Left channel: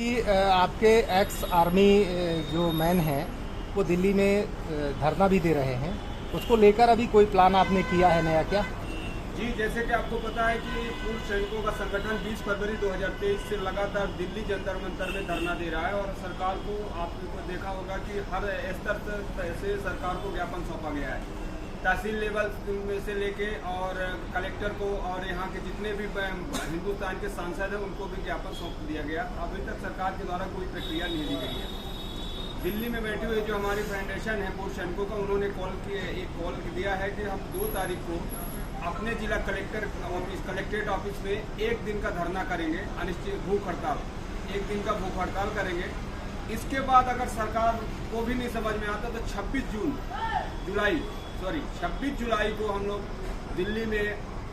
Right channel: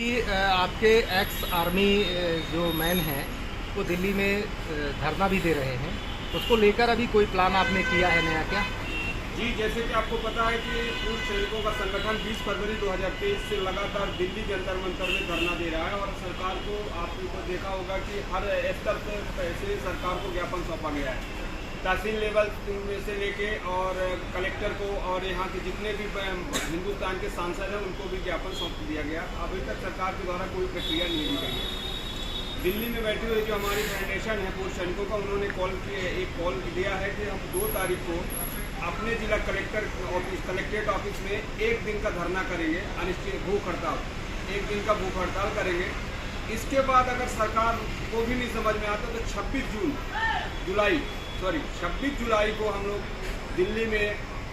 आपके ex army जो man हैं वो दिल्ली में धरना भी दे रहे हैं, उसको लेकर अभी कोई प्लान आपने किया है नया क्या? जी, जैसे कि आपको पता है कि पूर्व सैनिकों का संगठन 20 फरवरी 2023 से लगातार दिल्ली जंतर मंतर में धरना दे रहा है और सरकार को आपने तो देखा होगा कि हर स्तर से सरकार को ज्ञापन सौंपा गया है। तहसील लेवल में से लेके और कलेक्टर को और यहाँ के जितने भी हिंदुस्तान के सांसद हैं उनको भी ज्ञापन सौंप दिया गया। अभी तक सरकार के द्वारा कोई प्रक्रिया नहीं ली गई है। दिल्ली में बैठे हुए जो हमारी फाउंडेशन है पूर्व सैनिकों का, उन्होंने एक कॉल दिया है कि हम 2 तारीख को अपने जिला कलेक्ट्रेट ऑफिस में 1 दिन का धरना करेंगे, अनिश्चित भूख हड़ताल, 1 दिन का भूख हड़ताल करेंगे। इसके बाद अगर सरकार को भी नहीं समझ में आता तो 26 जुलाई को हम लोग दिल्ली में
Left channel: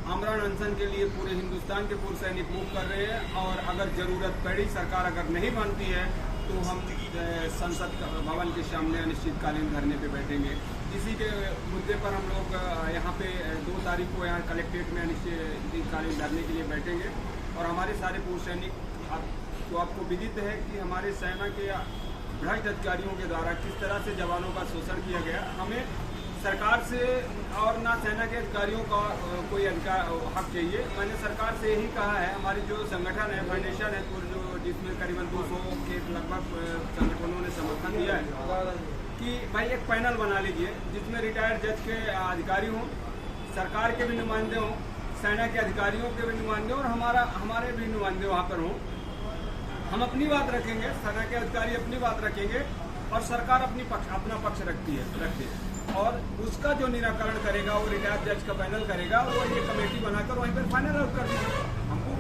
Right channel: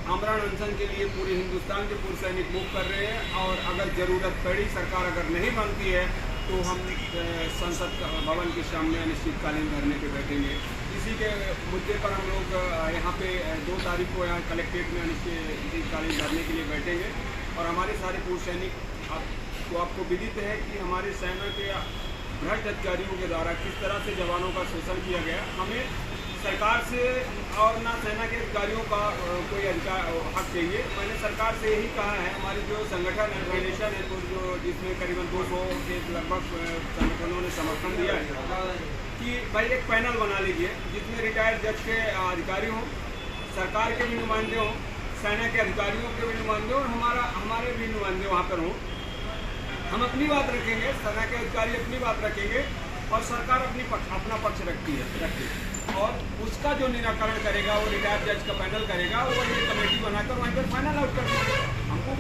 आमरण अनशन के लिए पूरे हिंदुस्तान के पूर्व सैनिक मूव कर रहे हैं और अगर ज़रूरत पड़ी, सरकार अगर नहीं मानती है तो हम संसद भवन के सामने अनिश्चितकालीन धरने पे बैठेंगे। इसी के मुद्दे पर हम लोग यहाँ पे 2 तारीख को यहाँ कलेक्ट्रेट में अनिश्चितकालीन धरने के लिए बैठेंगे। और हमारे सारे पूर्व सैनिक आपको विदित है कि हमारे सेना के भ्रष्ट अधिकारियों के द्वारा किस तरह से जवानों का शोषण किया गया। हमें सरकार से और ना सेना के अधिकारियों का कोई अधिकार हक चाहिए। मैंने सरकार से यही कहा है, हमारी जो संगठन है फाउंडेशन है तो जो जिसमें करीबन 200 के लगभग संगठनों ने समर्थन दिया है कि भाई एक पैनल बना लीजिए जिसमें रिटायर्ड जज के अधिकारी हों, सरकार के भी नुमाइंदे हों, सेना के अधिकारियों के भी नुमाइंदे और हमारे भी नुमाइंदे वहाँ पर हों। हम अपनी बात रखेंगे, सेना के अधिकारी अपनी बात रखेंगे और सरकार अपना पक्ष रखती है और उसका जो निराकरण करेगा वो रिटायर्ड जज का पैनल करेगा। वो ये कमेटी बनाकर वहीं पर फाइनल आउट कर देंगे। हमको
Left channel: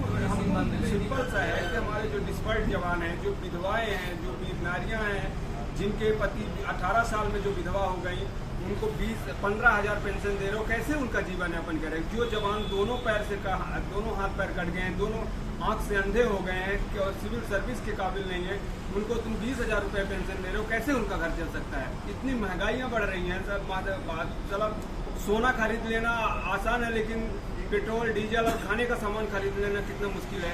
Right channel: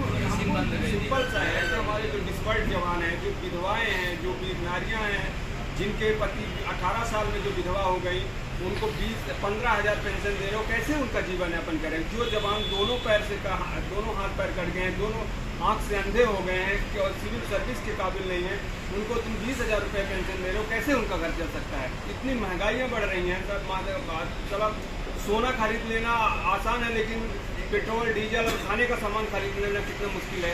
सिंपल सा है कि हमारे जो डिस्पर्ड जवान हैं, जो विधवाएं हैं, जो वीर नारियाँ हैं, जिनके पति 18 साल में जो विधवा हो गई, उनको 15,000 पेंशन दे रहे हो, कैसे उनका जीवन यापन करें? जो जवान दोनों हाथ पैर कट गए हैं, दोनों आँख से अंधे हो गए हैं कि और सिविल सर्विस के काबिल नहीं है, उनको तुम 20,000 रुपये पेंशन दे रहे हो, कैसे उनका घर चल सकता है? इतनी महंगाइयाँ बढ़ रही हैं। चलो सोना खरीद लेना आसान है, लेकिन पेट्रोल डीजल और खाने का सामान खरीद लेना कितना मुश्किल है।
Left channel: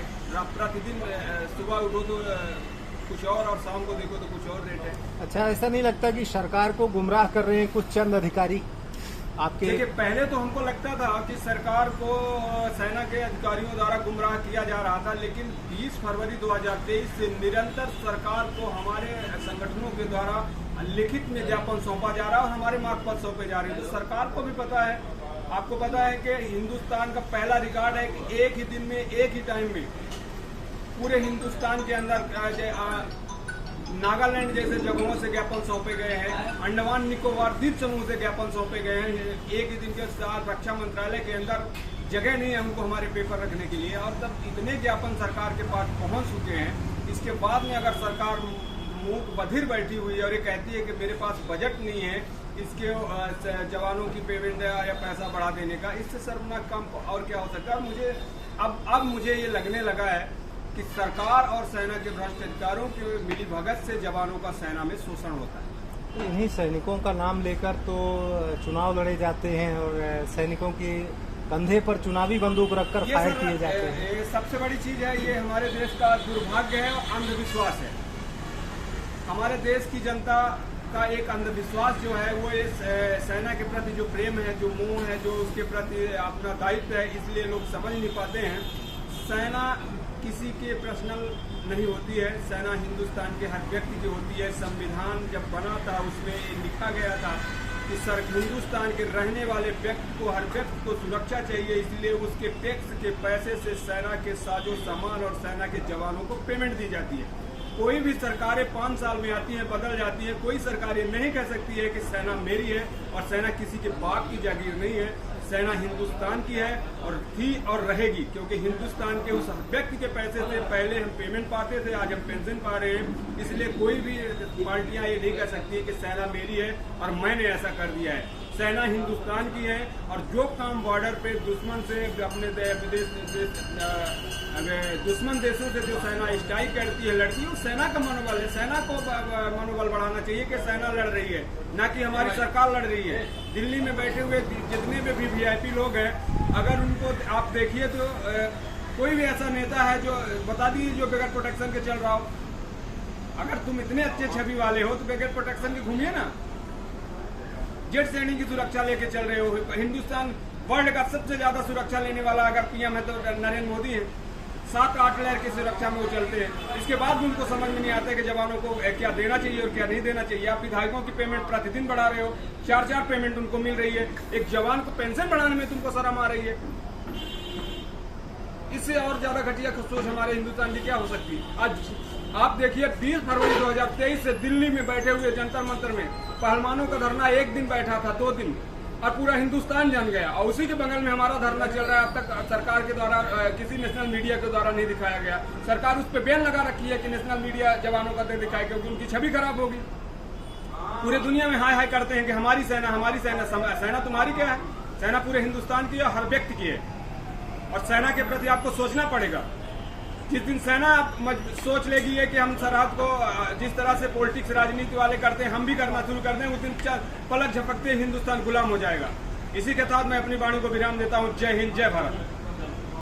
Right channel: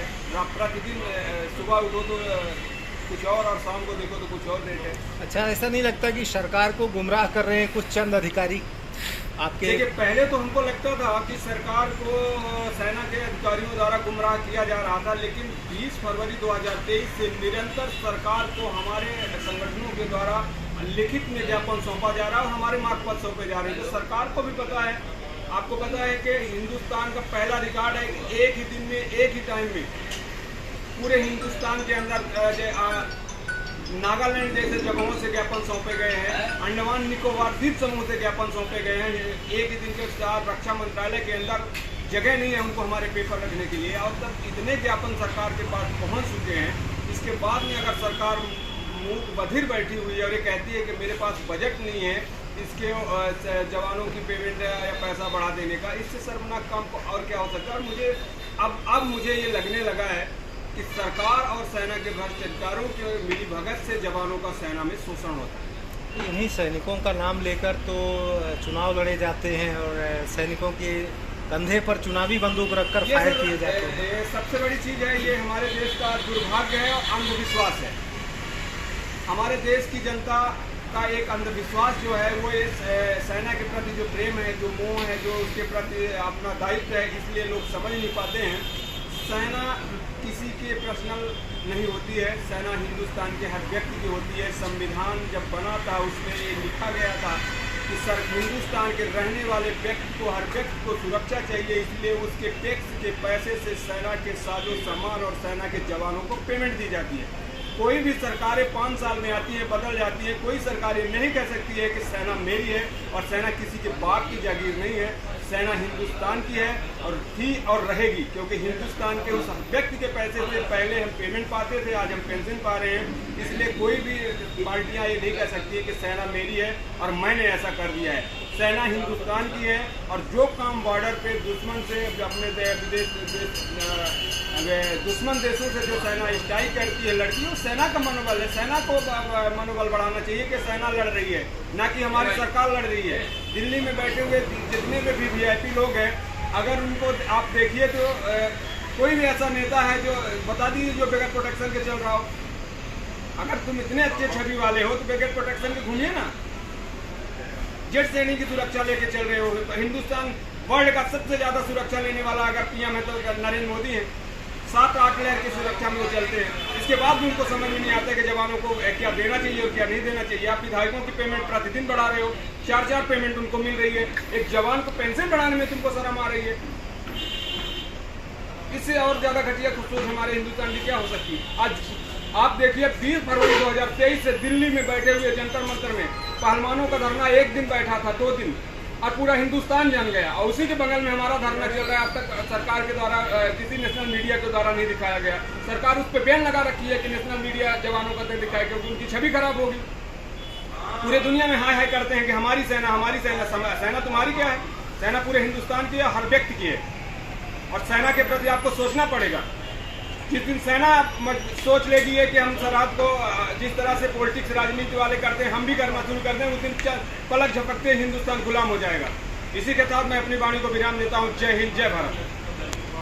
प्रतिदिन सुबह उठो तो कुछ और शाम को देखो तो कुछ और रेट है। अच्छा, ऐसा नहीं लगता कि सरकार को गुमराह कर रहे हैं कुछ चंद अधिकारी आपके? देखिए, पहले तो हमको लगता था कि सरकार को सेना के अधिकारियों द्वारा गुमराह किया जा रहा था, लेकिन 20 फरवरी 2023 से निरंतर सरकार को हमारे संगठनों के द्वारा लिखित में ज्ञापन सौंपा जा रहा है और हमारे मार्ग पत्र सौंपे जा रहे हैं। तो सरकार को भी पता है, आपको पता है कि हिंदुस्तान का पहला रिकॉर्ड है कि एक ही दिन में, एक ही टाइम में पूरे हिंदुस्तान के अंदर नागालैंड जैसे जगहों से ज्ञापन सौंपे गए हैं, अंडमान निकोबार द्वीप समूह से ज्ञापन सौंपे गए हैं। एक ही दिन के साथ रक्षा मंत्रालय के अंदर जगह नहीं है उनको हमारे पेपर रखने के लिए, और तब इतने ज्ञापन सरकार के पास पहुंच चुके हैं। इसके बाद में अगर सरकार मूक बधिर बैठी हुई है और ये कहती है कि मेरे पास बजट नहीं है इसके जवानों की पेमेंट या पैसा बढ़ा देने का, इससे शर्मनाक काम और क्या हो सकता है? और मुझे अब मुझे ये लगने लगा है कि सरकार और सेना के भ्रष्ट अधिकारियों के मिलीभगत से जवानों का सेना में शोषण होता है। इन्हीं सैनिकों का नाम लेकर तो चुनाव लड़े जाते हैं और सैनिकों के कंधे पर चुनावी बंदूक रखकर फायर किए जाते हैं। ये सबसे बड़ी चीज़ है, ये हमारे देश का दुर्भाग्य है और अंधविश्वास है। हमारे देश की जनता का एक अंधविश्वास जो है वो इस सेना के प्रति जो प्रेम है, जो मोह है, जो उसके प्रति अपना दायित्व है, इसलिए लोग समझ नहीं पाते हैं। सेना किसी के पर्सनल नहीं होती है, सेना हिंदुस्तान के हर व्यक्ति की होती है। संविधान जब बना था उसमें ये लिखा गया था कि हिंदुस्तान के रहने वाले व्यक्ति को, हर व्यक्ति को सुरक्षा चाहिए, इसलिए उसके टैक्स के पैसे से सेना के साजो सामान और सेना के जवानों को पेमेंट दी जाती है। कोई भी सरकारें 5 साल में आती है, बदल जाती है, कोई सरकार ये नहीं कह सकती है कि सेना मेरी है और सेना किसी के बाप की जागीर नहीं है। सेना हिंदुस्तान की है और थी और रहेगी, क्योंकि हिंदुस्तान के उस व्यक्ति के पैसे से पहले हम पेमेंट पाते थे, आज हम पेंशन पा रहे हैं। इसलिए कोई भी पार्टियां ये नहीं कह सकती है कि सेना मेरी है और मैंने ऐसा कर दिया है। सेना हिंदुस्तान की है और जो काम बॉर्डर पे दुश्मन से, अपने दुश्मन देशों से जो सेना स्ट्राइक करती है, लड़ती है, वो सेना का मनोबल है। सेना को मनोबल बढ़ाना चाहिए कि सेना लड़ रही है, ना कि हमारी सरकार लड़ रही है। दिल्ली में बैठे हुए जितने भी VIP लोग हैं, अगर उनको आप देखिए तो कोई भी ऐसा नेता है जो बता दीजिए जो बगैर प्रोटेक्शन के चल रहा हो, अगर तुम इतने अच्छे छवि वाले हो तो बगैर प्रोटेक्शन के घूमिए ना। जेट सैनिक की सुरक्षा लेके चल रहे हो। हिंदुस्तान वर्ल्ड का सबसे ज्यादा सुरक्षा लेने वाला अगर पीएम है तो नरेंद्र मोदी है। 7-8 लेयर की सुरक्षा में वो चलते हैं। इसके बाद भी उनको समझ में नहीं आता कि जवानों को क्या देना चाहिए और क्या नहीं देना चाहिए। आप विधायकों की पेमेंट प्रतिदिन बढ़ा रहे हो, 4-4 पेमेंट उनको मिल रही है। एक जवान को पेंशन बढ़ाने में तुमको शर्म आ रही है। इससे और ज्यादा घटिया सोच हमारे हिंदुस्तान की क्या हो सकती है। आज आप देखिए 20 फरवरी 2023 से दिल्ली में बैठे हुए जंतर मंतर में पहलवानों का धरना 1 दिन बैठा था, 2 दिन, और पूरा हिंदुस्तान जान गया। और उसी के बगल में हमारा धरना चल रहा है। अब तक सरकार के द्वारा किसी नेशनल मीडिया के द्वारा नहीं दिखाया गया। सरकार उस पर बैन लगा रखी है कि नेशनल मीडिया जवानों का दिखाए, क्योंकि उनकी छवि खराब होगी। पूरे दुनिया में हाय हाय करते हैं कि हमारी सेना, हमारी सेना। सेना तुम्हारी क्या है? सेना पूरे हिंदुस्तान की है, हर व्यक्ति की है। और सेना के प्रति आपको सोचना पड़ेगा। जिस दिन सेना सोच लेगी है कि हम सरहद को जिस तरह से पॉलिटिक्स राजनीति वाले करते हैं हम भी करना शुरू कर दें, उस दिन पलक झपकते हिंदुस्तान गुलाम हो जाएगा। इसी के साथ मैं अपनी वाणी को विराम देता हूँ। जय हिंद, जय भारत।